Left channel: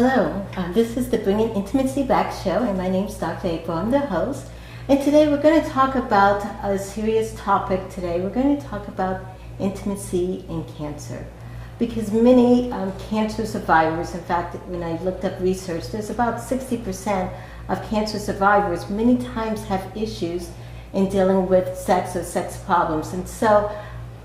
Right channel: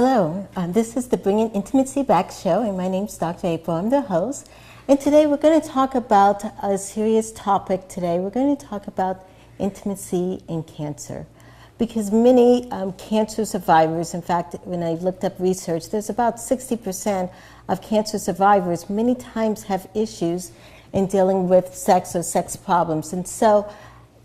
Hello, this is the Bringing Intimacy Back show, and my name's Dr. April. I'm the host. And today we're going to talk about a serious topic today. We're going to talk about intimacy and cancer. Because many cancer survivors, in fact, when I looked up research, there's about 60% of cancer survivors many times have issues in dealing with sex or sex problems. And so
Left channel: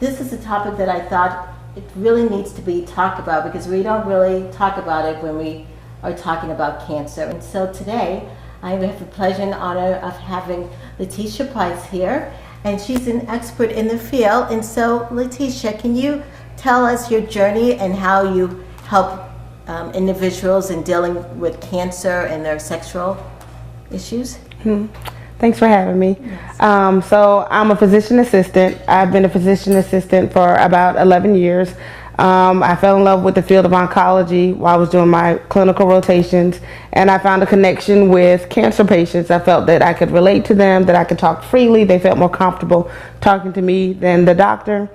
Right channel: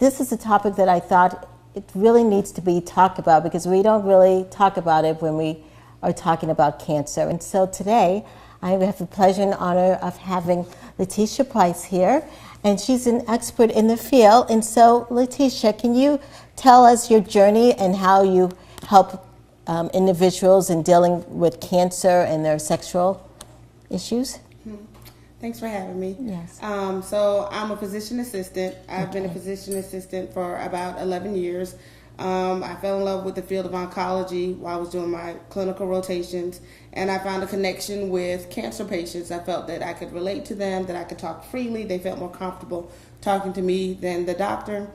this is a topic that I thought it really needs to be talked about, because we don't really talk about it when we are talking about cancer. And so today I have the pleasure and honor of having Letitia Price here, and she's an expert in the field. And so Letitia, can you tell us your journey and how you help individuals in dealing with cancer and their sexual issues? Thanks for having me. Yes. So I'm a physician assistant. I've been a physician assistant for about 11 years. I fell in love with the field of oncology while I was doing my clinical rotations, and I found a connection with cancer patients. I felt that I could relate to them, that I could talk freely. They felt more comfortable talking to me than the doctor.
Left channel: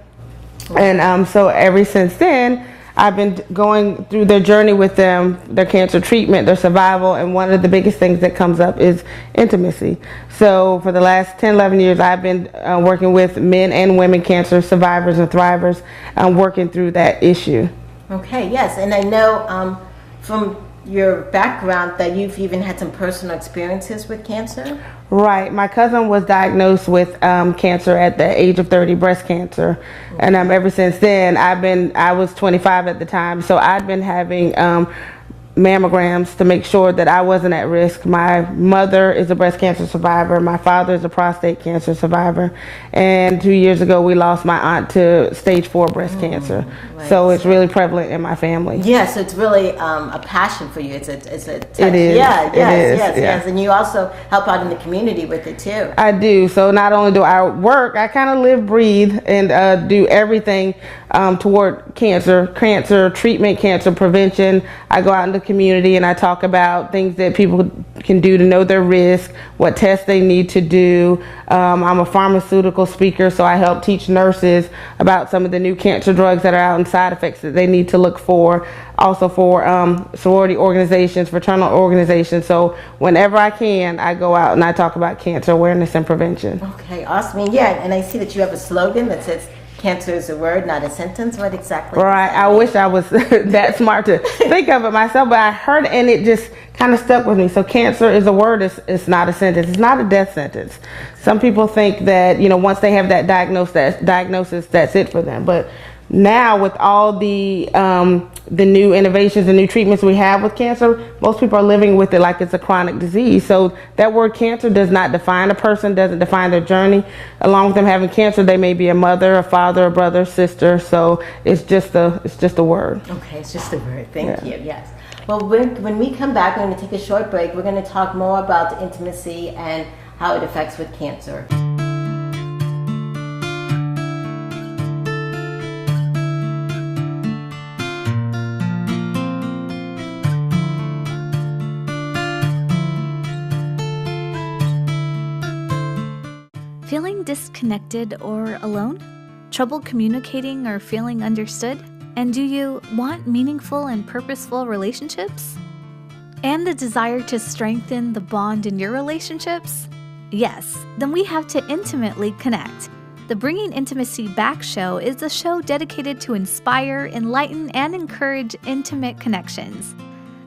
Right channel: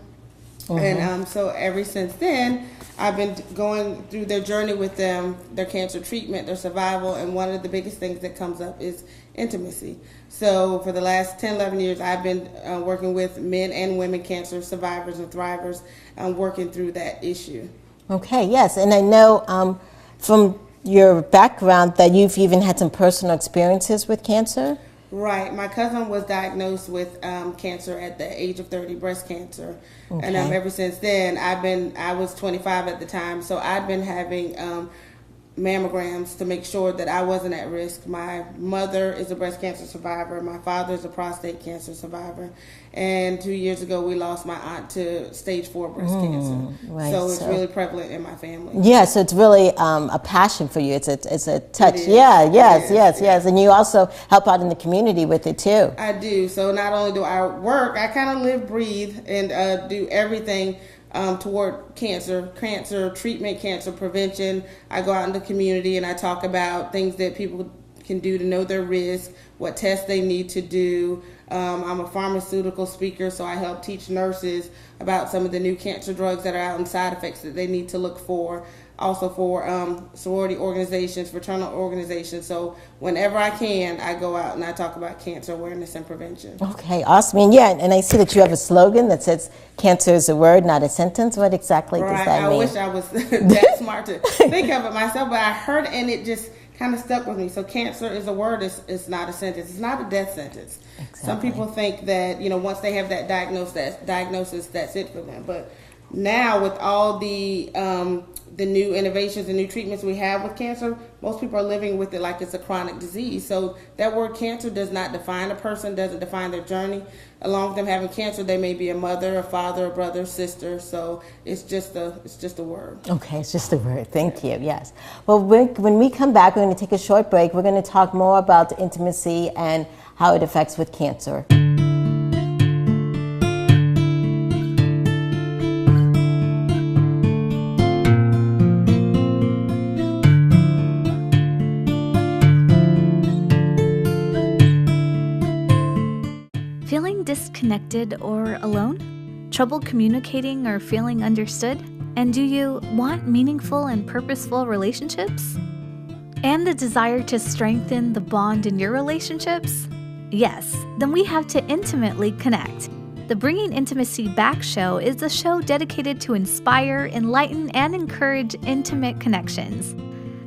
And so ever since then, I've been going through their journey with them, their cancer treatment, their survival, and one of the biggest things that comes up is intimacy. So for the last 10, 11 years, I've been working with men and women cancer survivors and thrivers, working through that issue. Okay, yes, and I know from your background that you've even had some personal experiences with cancer. Right. My cousin was diagnosed with cancer at the age of 30, breast cancer. Okay. And ever since then, I was 25 at the time, so I'd been having mammograms to make sure that I wasn't at risk. My mother is a breast cancer survivor. My father is a prostate cancer survivor. And 2 years ago, we lost my aunt to stage 4 breast cancer. Right. So it's really prevalent in my family. Yeah, so it's really a passion for you. It's a touch. It is. Yeah, yes. Yeah. And you also help out in the community with it too. I do. So not only do I work, I kind of live, breathe, and do everything toward cancer treatment, cancer prevention. I go out in the community and I talk about things that people can do to know their risk, what tests they need to do. I'm a pharmaceutical speaker, so I help teach nurses about some of the new cancer drugs that are out and side effects that they need to look for. Also for sorority organizations, fraternal organizations. So whenever I can, I go out and I talk about cancer awareness and prevention. Okay, awesome. And I see that you have a slogan that says, "Cancer is a word, not a sentence." What exactly does that mean? I wish I was that smart to think of it myself, but I heard it and it just kind of stuck with me. So cancer is a word, it's not a sentence. It's not a death sentence. Exactly. Some people think that, once they have that diagnosis, that's it for them. But now with all the new innovations and new treatments we have with cancer, most people are living with it like it's a chronic disease. So that word cancer does not define a person, doesn't define their journey. Along with them having cancer, they may be a mother, a father, a brother, sister. So it's just a word. Okay, it's just a word. Thank you. Yes. Well, when we come back, we're going to take a short break. We're going to talk more about intimacy and how it affects with cancer. Feeling disconnected or alone? Trouble communicating or feeling understood? And do you want meaningful and purposeful relationships? And the desire to strengthen the bond in your relationships? Yes, then we have to intimately connect. The Bringing Intimacy Back show is a show dedicated to inspire, enlighten, and encourage intimate connections.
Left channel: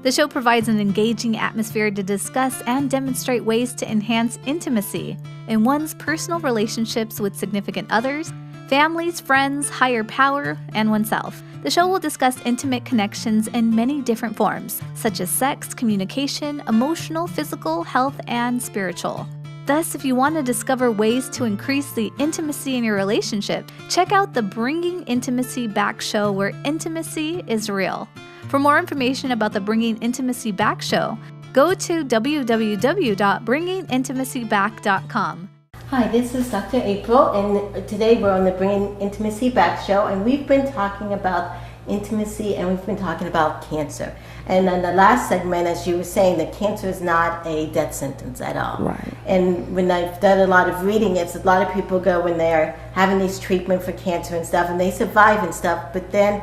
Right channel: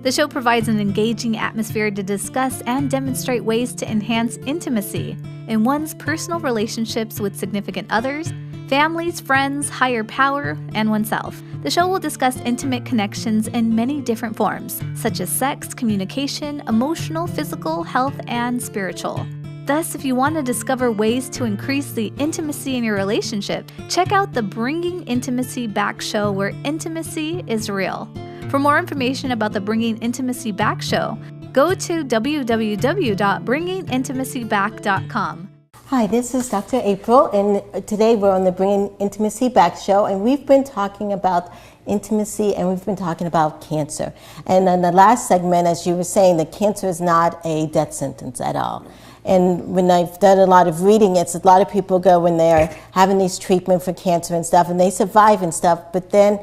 The show provides an engaging atmosphere to discuss and demonstrate ways to enhance intimacy in one's personal relationships with significant others, families, friends, higher power, and oneself. The show will discuss intimate connections in many different forms, such as sex, communication, emotional, physical, health, and spiritual. Thus, if you want to discover ways to increase the intimacy in your relationship, check out the Bringing Intimacy Back show, where intimacy is real. For more information about the Bringing Intimacy Back show, go to www.bringingintimacyback.com. Hi, this is Dr. April, and today we're on the Bringing Intimacy Back show, and we've been talking about intimacy and we've been talking about cancer. And in the last segment, as you were saying, that cancer is not a death sentence at all. Right. And when I've done a lot of reading, it's a lot of people go when they're having these treatment for cancer and stuff, and they survive and stuff, but then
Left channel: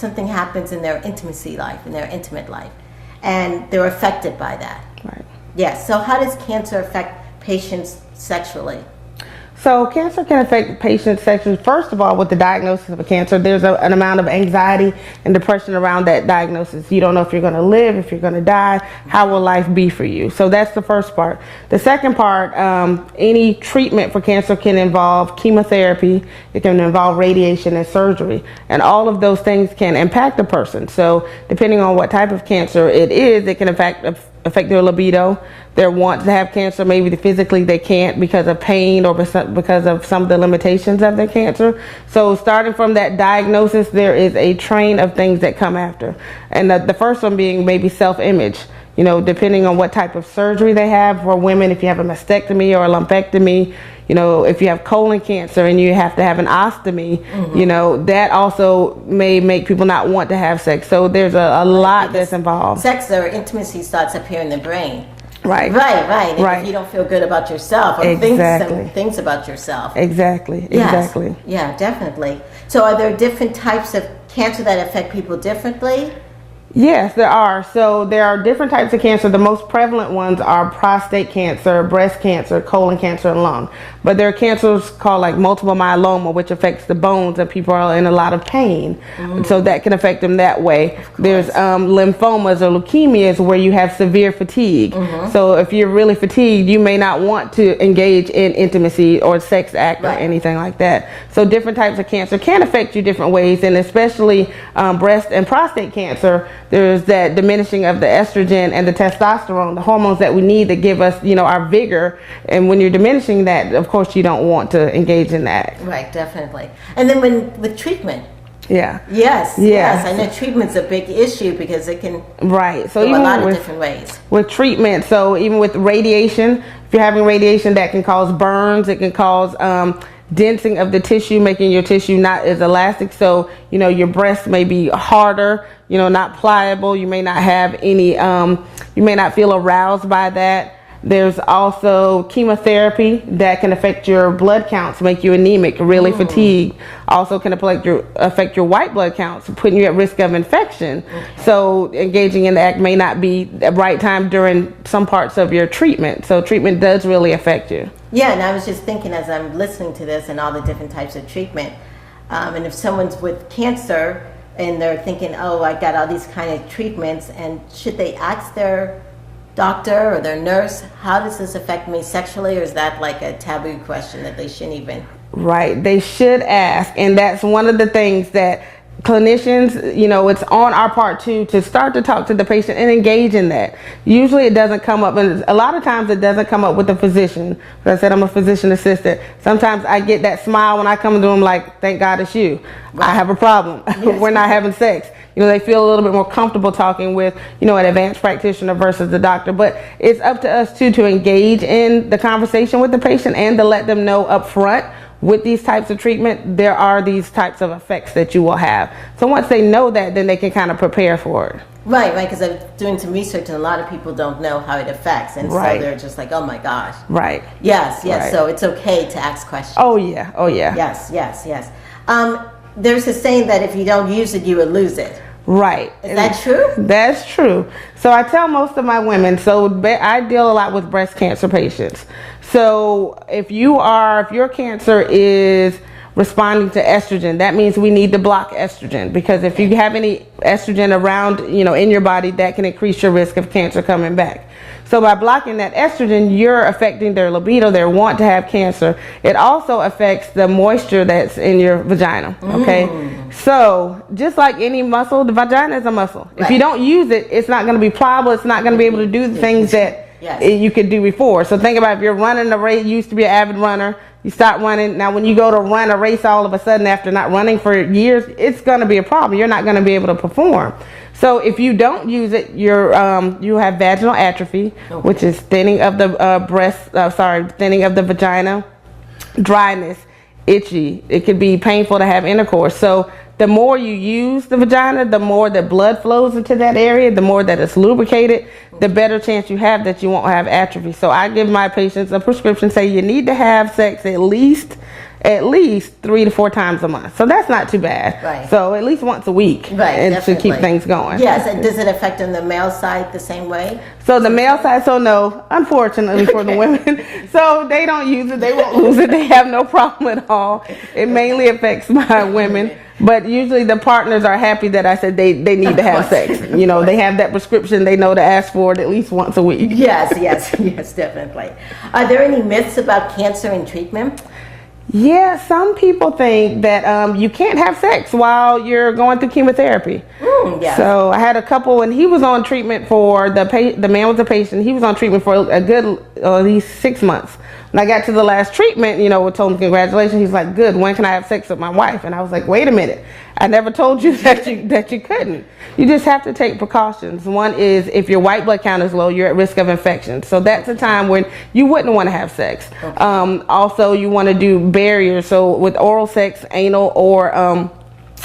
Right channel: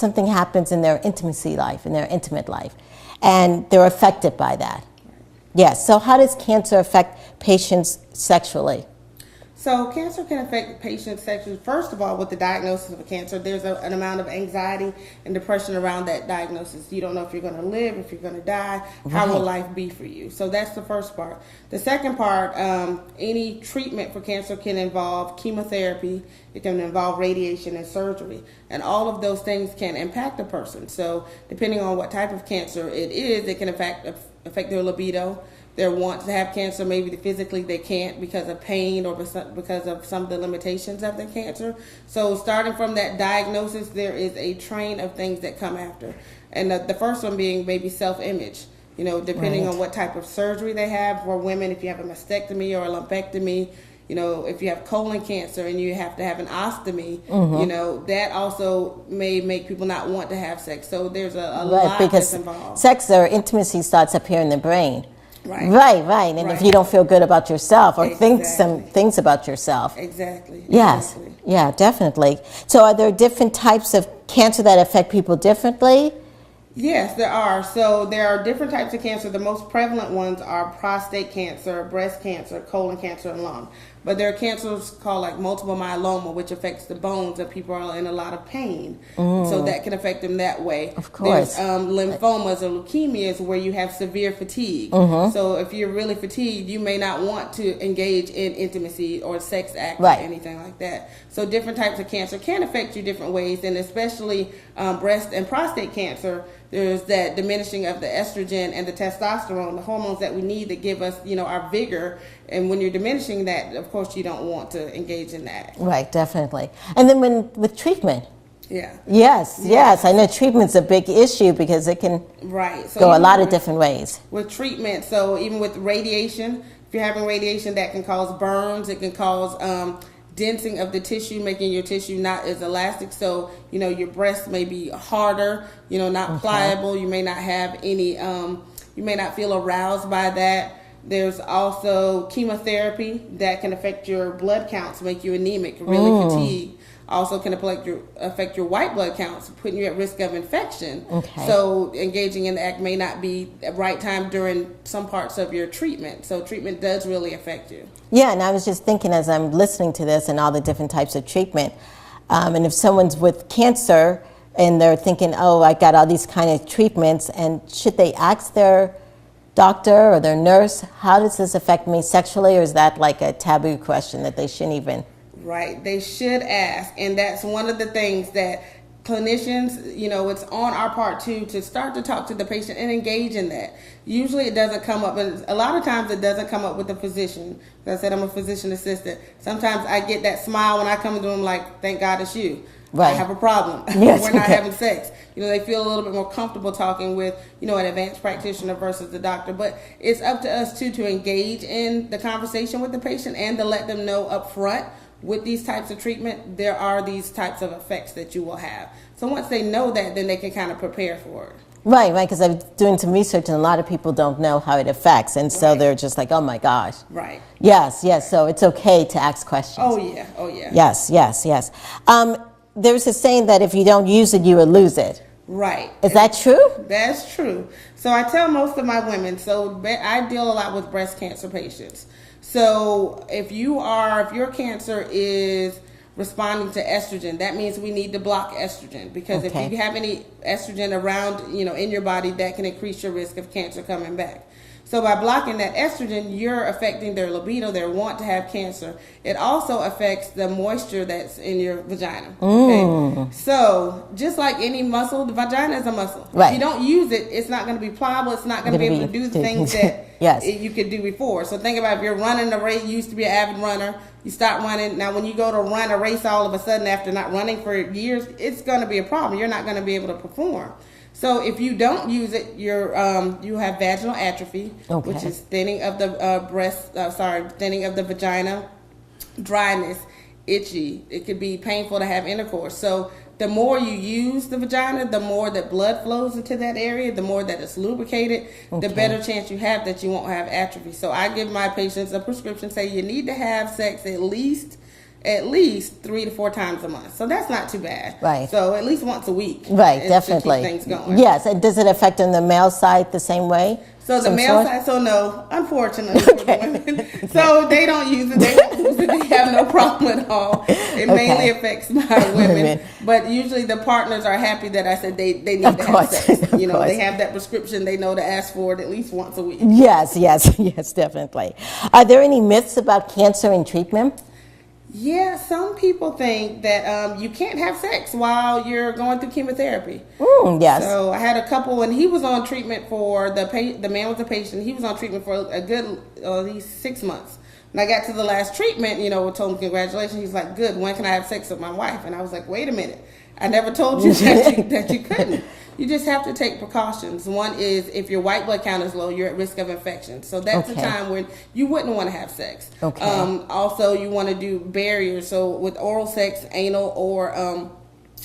something happens in their intimacy life, in their intimate life, and they're affected by that. Right. Yes. So how does cancer affect patients sexually? So cancer can affect patients sexually. First of all, with the diagnosis of a cancer, there's an amount of anxiety and depression around that diagnosis. You don't know if you're going to live, if you're going to die, how will life be for you? So that's the first part. The second part, any treatment for cancer can involve chemotherapy, it can involve radiation and surgery, and all of those things can impact a person. So depending on what type of cancer it is, it can affect their libido, their want to have cancer. Maybe physically they can't because of pain or because of some of the limitations of their cancer. So starting from that diagnosis, there is a train of things that come after. And the first one being maybe self-image. You know, depending on what type of surgery they have. For women, if you have a mastectomy or a lumpectomy, you know, if you have colon cancer and you have to have an ostomy, you know, that also may make people not want to have sex. So there's a lot that's involved. Sex or intimacy starts up here in the brain. Right. Right. And if you don't feel good about yourself or think some things about yourself. Exactly. Yeah, definitely. So are there different types of cancer that affect people differently? Yes, there are. So there are different types of cancer. The most prevalent ones are prostate cancer, breast cancer, colon cancer, and lung. But there are cancers called like multiple myeloma, which affects the bones, and people are in a lot of pain. So that can affect them that way. There's lymphomas or leukemias where you have severe fatigue. So if you're really fatigued, you may not want to engage in intimacy or sex act or anything like that. So different types of cancer can affect you different ways, and especially breast and prostate cancer. There's that diminishing of the estrogen and the testosterone, the hormones that we need to give us, you know, our vigor. And when you're diminishing that, of course, you don't want to engage in that. Right, definitely. And then with treatment. Yeah. Yes. I know treatment's a big issue because it can so go a lot of different ways. With treatment, so even with radiation, if you're having radiation, that can cause burns, it can cause densing of the tissue, making your tissue not as elastic. So, you know, your breast may be harder, you know, not pliable. You may not have any, you may not feel aroused by that. There's also chemotherapy that can affect your blood counts, make you anemic, really fatigued. Also can affect your white blood counts, putting you at risk of infection. So engaging in the act may not be the right time during some parts of your treatment. So treatment does really affect you. Yeah, and I was just thinking as I'm listening to this and all the different types of treatment, and if someone's with cancer and they're thinking, oh, I got all these kind of treatments, and should they ask their doctor or their nurse, how does this affect me sexually, or is that like a taboo question that they shouldn't even? Right, they should ask, and that's one of the things that clinicians, you know, it's on our part too to start to talk to the patient and engage in that. Usually it doesn't come up, and a lot of times it doesn't come up with the physician. As I said, I'm a physician assistant. Sometimes I get that smile when I come to them, like, thank God it's you. I have a problem. We're not having sex. You know, they feel a little bit more comfortable talking with, you know, an advanced practitioner versus the doctor. But it's up to us too to engage in the conversation with the patient and to let them know up front, with these types of treatment, there are these types of effects that you will have. So once they know that, then they can kind of prepare for it. Right, because I'm doing some research and a lot of people don't know how it affects, and so they're just like, oh my gosh. Right. Yes, so it's okay to ask questions. Oh yeah. Yes. There's a saying that if you don't use it, you will lose it. Right. Is that true? That's true. So I tell most of my women, so I deal a lot with breast cancer patients. So if your cancer is responding to estrogen, that means we need to block estrogen, because if you have any estrogen around, you know, in your body, that can increase your risk of cancer coming back. So by blocking that estrogen, you're affecting their libido, their want to have cancer. It also affects the moisture that's in your vagina, okay? So just like any muscle, the vagina is a muscle. Right. If you don't use it, it's not going to be pliable. It's not going to be able to do the things that you could do before. So think about if you're running a race, you used to be an avid runner, you stop running. Now when you go to run a race all of a sudden after not running for years, it's going to be a problem. You're not going to be able to perform. So if you don't use it, you have vaginal atrophy, which is thinning of the thinning of the vagina, dryness, itchy. It could be painful to have intercourse. So the more you use the vagina, the more that blood flows into that area, the more that it's lubricated, the better chance you have that you won't have atrophy. So I give my patients a prescription, say you need to have sex at least at least 3 to 4 times a month. So that's not too bad. Right. So at least once a week. Right, definitely. To keep things going. Yes, and does it affect on the male side the same way? So the male side, so no, unfortunately for the women. So they don't use it, they won't lose it, they have no problem at all. It mainly affects my women. But usually the partners are happy that I said they need to have sex. You know, they have that prescription, they know to ask for it at least once a week. Yes, definitely. Are there any myths about cancer and treatment? Yeah, some people think that you can't have sex while you're going through chemotherapy. Yes. So I had a couple, and he was on treatment for the man was a patient. He was on treatment for a good at least 6 months. When I got to the last treatment, you know, we told him congratulations. He's like, good. When can I have sex with my wife? And I was like, wait a minute. I never told you that you couldn't. You just have to take precautions. One is if your white blood count is low, you're at risk of infection. So that's a time when you wouldn't want to have sex. Also, you want to do barriers. So with oral sex, anal or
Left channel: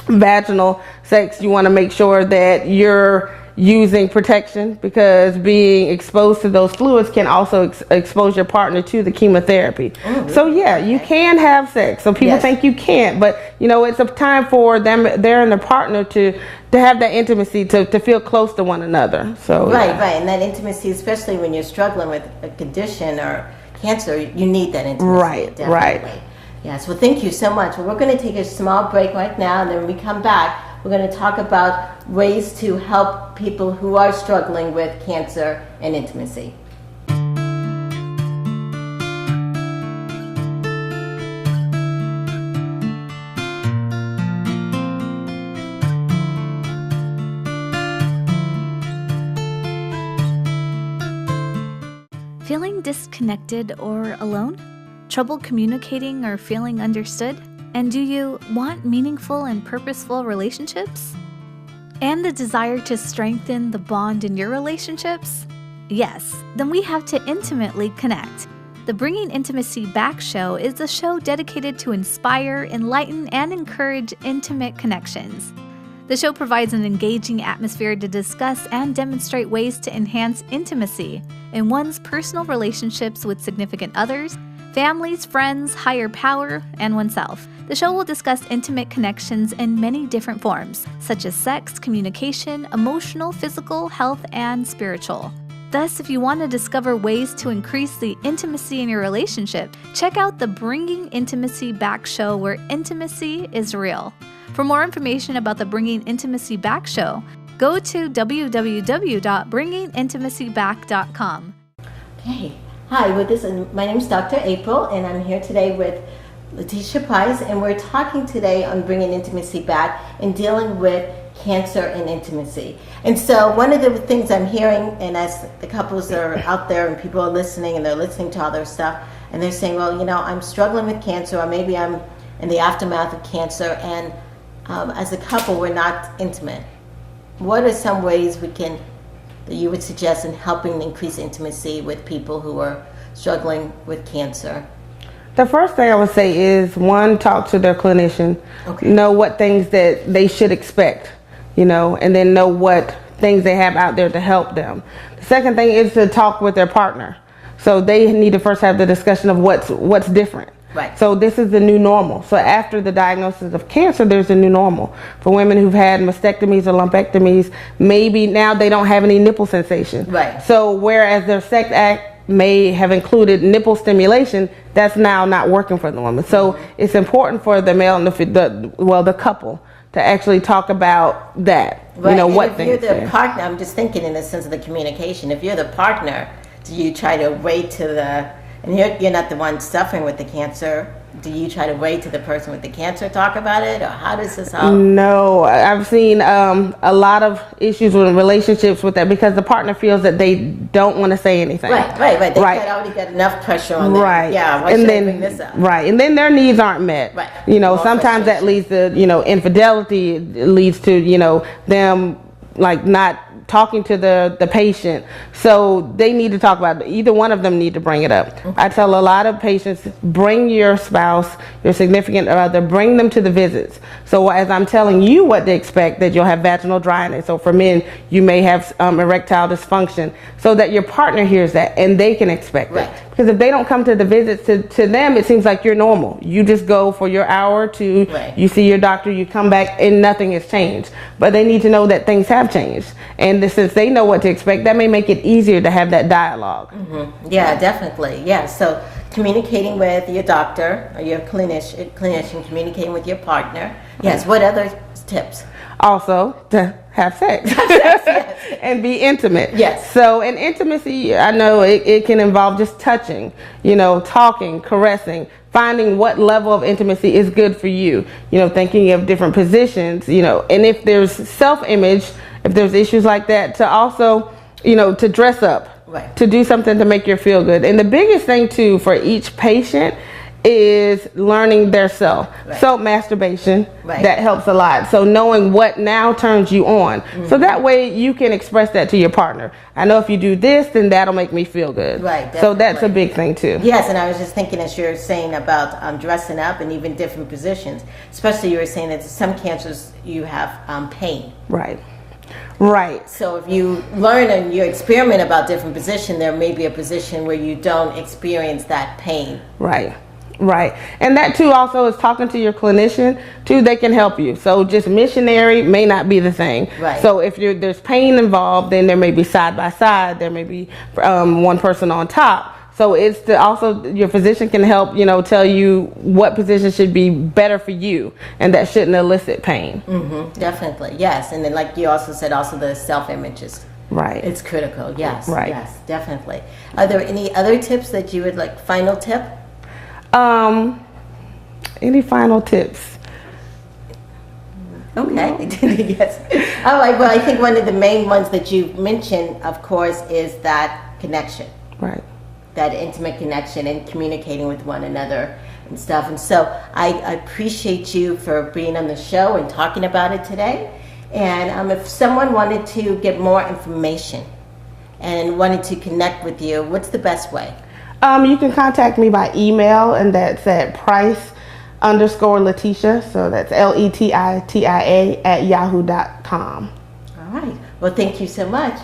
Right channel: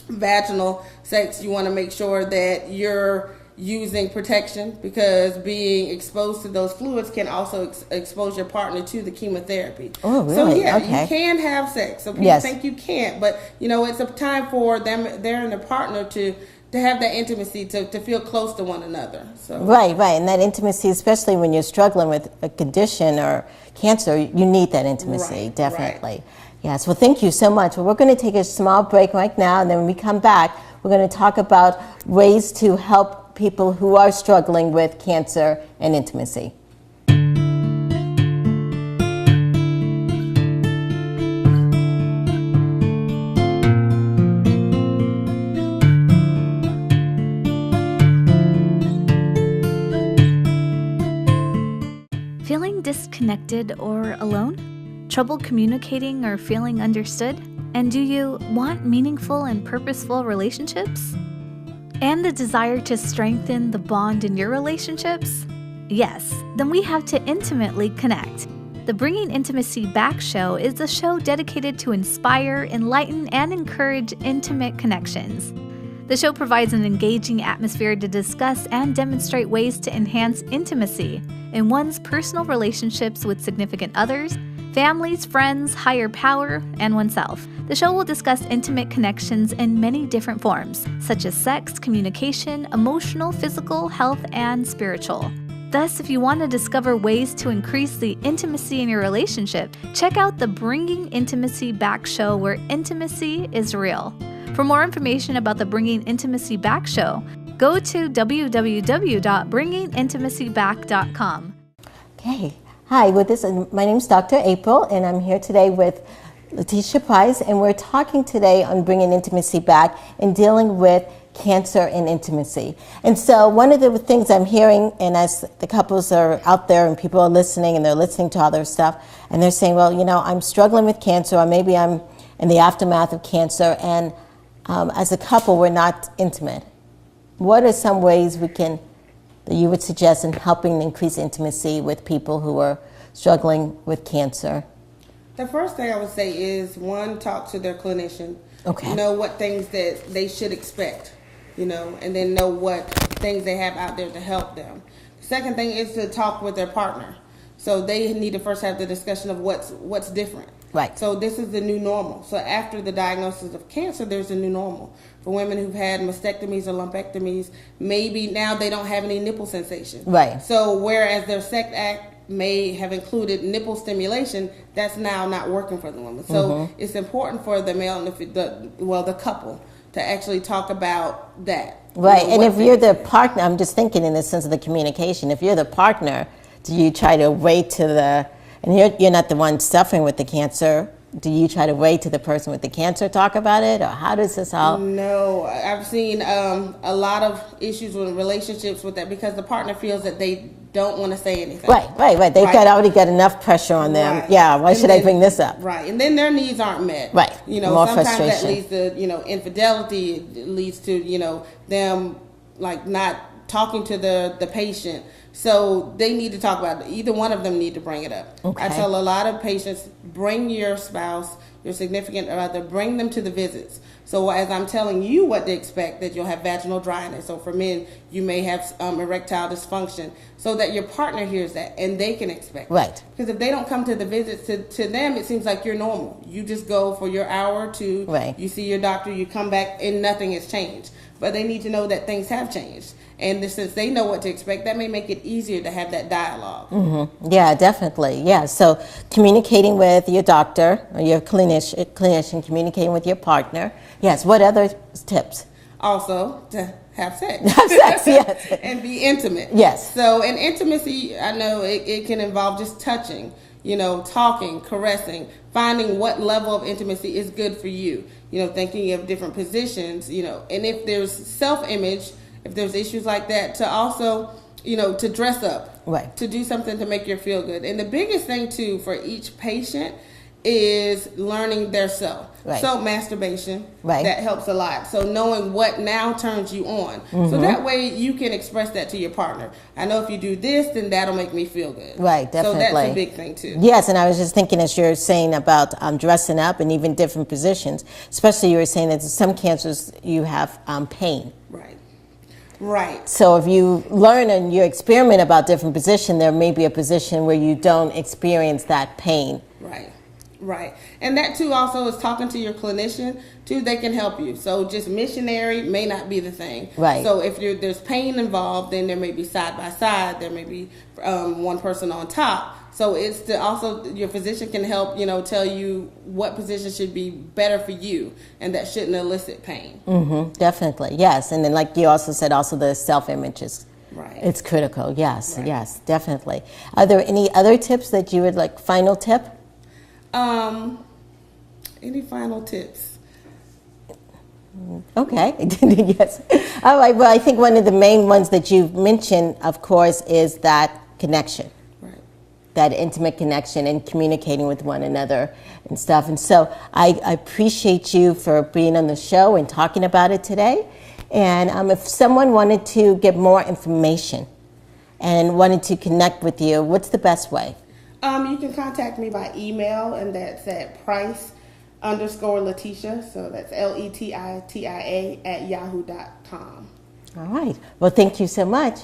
vaginal sex, you want to make sure that you're using protection, because being exposed to those fluids can also expose your partner to the chemotherapy. So yeah, you can have sex. So people think you can't, but you know, it's a time for them, they're and their partner to have that intimacy, to feel close to one another. So right, and that intimacy, especially when you're struggling with a condition or cancer, you need that intimacy. Definitely. Yes, well, thank you so much. Well, we're going to take a small break right now, and then when we come back, we're going to talk about ways to help people who are struggling with cancer and intimacy. Feeling disconnected or alone? Trouble communicating or feeling understood? And do you want meaningful and purposeful relationships? And the desire to strengthen the bond in your relationships? Yes, then we have to intimately connect. The Bringing Intimacy Back show is a show dedicated to inspire, enlighten, and encourage intimate connections. The show provides an engaging atmosphere to discuss and demonstrate ways to enhance intimacy in one's personal relationships with significant others, families, friends, higher power, and oneself. The show will discuss intimate connections in many different forms, such as sex, communication, emotional, physical, health, and spiritual. Thus, if you want to discover ways to increase the intimacy in your relationship, check out the Bringing Intimacy Back show, where intimacy is real. For more information about the Bringing Intimacy Back show, go to www.bringingintimacyback.com. Okay. Hi, my name is Dr. April, and I'm here today with Letitia Price, and we're talking today on bringing intimacy back and dealing with cancer and intimacy. And so one of the things I'm hearing, and as the couples are out there and people are listening and they're listening to all their stuff, and they're saying, well, you know, I'm struggling with cancer, or maybe I'm in the aftermath of cancer, and as a couple, we're not intimate. What are some ways that you would suggest in helping increase intimacy with people who are struggling with cancer? The first thing I would say is, one, talk to their clinician. Know what things that they should expect, you know, and then know what things they have out there to help them. The second thing is to talk with their partner. So they need to first have the discussion of what's different. Right. So this is the new normal. So after the diagnosis of cancer, there's a new normal. For women who've had mastectomies or lumpectomies, maybe now they don't have any nipple sensation. Right. So whereas their sex act may have included nipple stimulation, that's now not working for the woman. So it's important for the male and the couple to actually talk about that. Right. You know, and if you're the partner, I'm just thinking in the sense of the communication, if you're the partner, do you try to wait to and you're not the one suffering with the cancer, do you try to wait to the person with the cancer talk about it, or how does this help? No, I've seen a lot of issues with relationships with that, because the partner feels that they don't want to say anything. Right. They've already got enough pressure on them. Right. Yeah, why should I bring this up? Right, and then their needs aren't met. Right. You know, More sometimes that leads to, you know, infidelity. It leads to, you know, them like not talking to the patient. So they need to talk about it. Either one of them need to bring it up. I tell a lot of patients, bring your spouse, your significant other, bring them to the visits. So as I'm telling you what to expect, that you'll have vaginal dryness. So for men, you may have erectile dysfunction, so that your partner hears that and they can expect it. Because if they don't come to the visits, to them, it seems like you're normal. You just go for your hour to, Right. you see your doctor, you come back, and nothing has changed. But they need to know that things have changed. And since they know what to expect, that may make it easier to have that dialogue. Yeah, definitely. Yeah. So communicating with your doctor or your clinician, communicating with your partner. Yes. What other tips? Also, to have sex. Yes. And be intimate. Yes. So in intimacy, I know it can involve just touching, talking, caressing, finding what level of intimacy is good for you, thinking of different positions, and if there's self-image, if there's issues like that, to also, to dress up, Right. to do something to make you feel good. And the biggest thing too for each patient is learning their self. Right. So masturbation, Right. that helps a lot. So knowing what now turns you on. So that way you can express that to your partner. I know if you do this, then that'll make me feel good. Right, So that's a definitely. big thing too. Yes, and I was just thinking as you're saying about dressing up and even different positions, especially you were saying that some cancers you have pain. Right. Right. So if you learn and you experiment about different position, there may be a position where you don't experience that pain. Right. Right. And that too also is talking to your clinician too. They can help you. So just missionary may not be the thing. Right. So if there's pain involved, then there may be side by side. There may be one person on top. So it's to also your physician can help, tell you what position should be better for you and that shouldn't elicit pain. Definitely, yes. And then like you also said, also the self-images. Right. It's critical, yes. Right. Yes, definitely. Are there any other tips that you would like, final tip? Any final tips? Okay, yes. All right, well, I think one of the main ones that you've mentioned, of course, is that connection. Right. That intimate connection and communicating with one another and stuff. And so I appreciate you for being on the show and talking about it today. And if someone wanted to get more information and wanted to connect with you, what's the best way? You can contact me by email, and that's at Price_Letitia. So that's LETITIA @yahoo.com. All right. Well, thank you so much.